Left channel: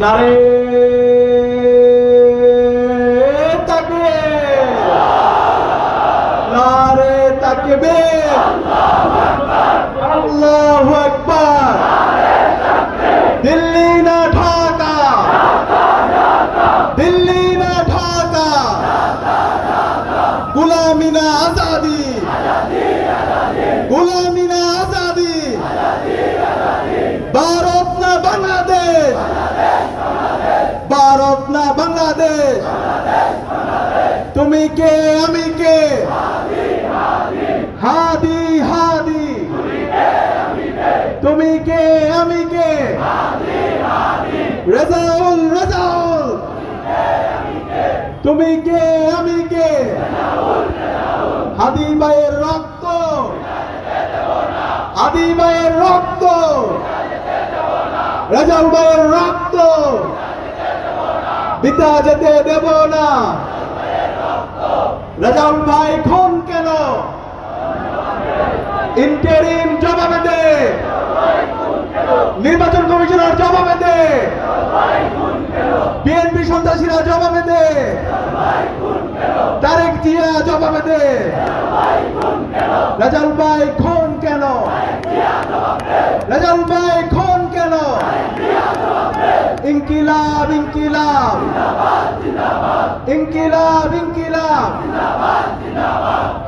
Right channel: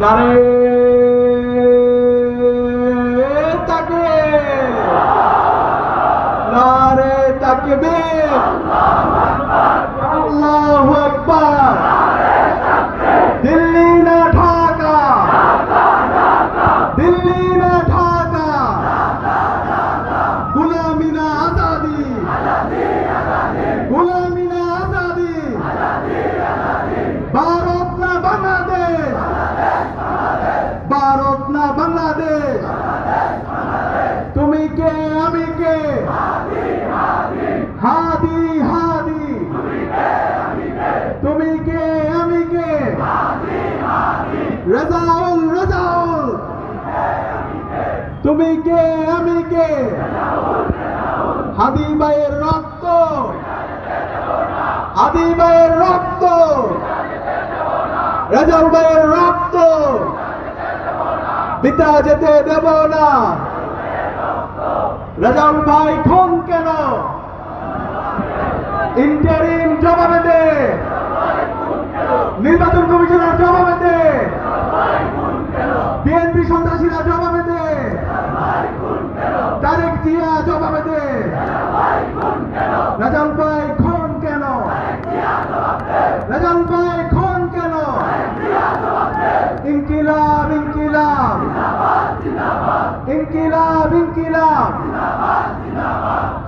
নারে তাকবীর, নারে তাকবীর, আল্লাহু আকবার। দিল্লি না ঢাকা, দিল্লি না ঢাকা, গুলামি না আজাদি, গুলামি না আজাদি, ভারত না বাংলাদেশ, ভারত না বাংলাদেশ। তুমি কে আমি কে, হাদি হাদি, তুমি কে আমি কে, রেজাউল রেজাউল, তুমি কে আমি কে, হাদি ভাইয়ের রক্ত, হাদি ভাইয়ের রক্ত, রেজাউল ভাইয়ের রক্ত বিতা যেতে দেব না। রেজাউল ভাই খুন কেন, ইন্টারিম জবাবে দে, নির্বাচন কমিশনার জবাবে দে, বিএনপি সন্ত্রাসীরা জবাবে দে, তারেক জিয়া জবাবে দে। রেজাউল ভাই খুন কেন, রেজাউল ভাই খুন কেন, ইনকিলাব ইনকিলাব, ইনকিলাব ইনকিলাব,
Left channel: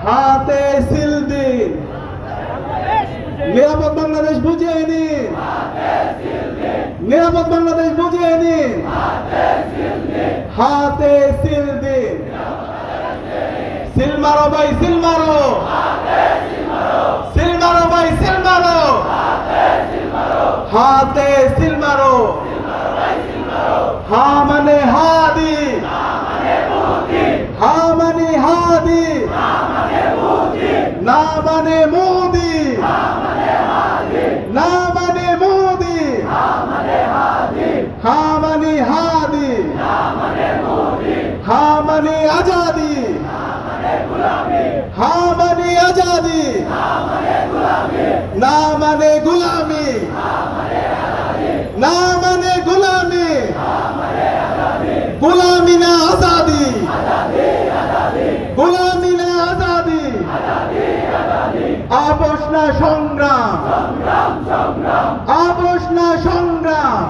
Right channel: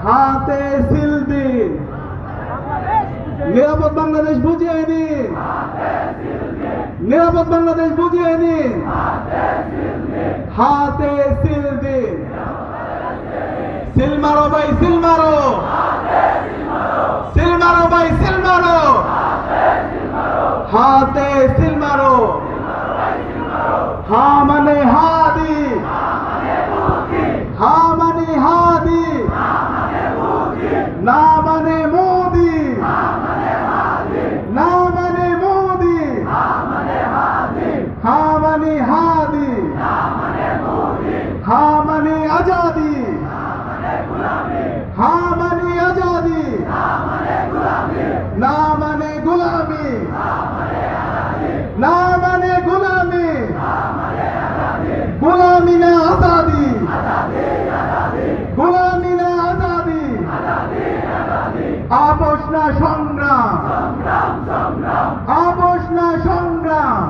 হাতে সিল দিন, নিরাপদ বাংলাদেশ বুঝিয়ে নিন, নিরাপদ বাংলাদেশ বুঝিয়ে নিন, হাতে সিল দিন। সিল মারো ভাই সিল মারো, সিল মারো ভাই সিল মারো, হাতে সিল মারো। হা মানে হাদি, হা মানে হাদি, না মানে মোদি, না মানে মোদি, হা মানে হাদি, হা মানে আজাদি, হা মানে আজাদি, না মানে গুলামি, না মানে গুলামি, গুলামি না আজাদি, গুলামি না আজাদি, আপোষ না সংগ্রাম, আপোষ না সংগ্রাম।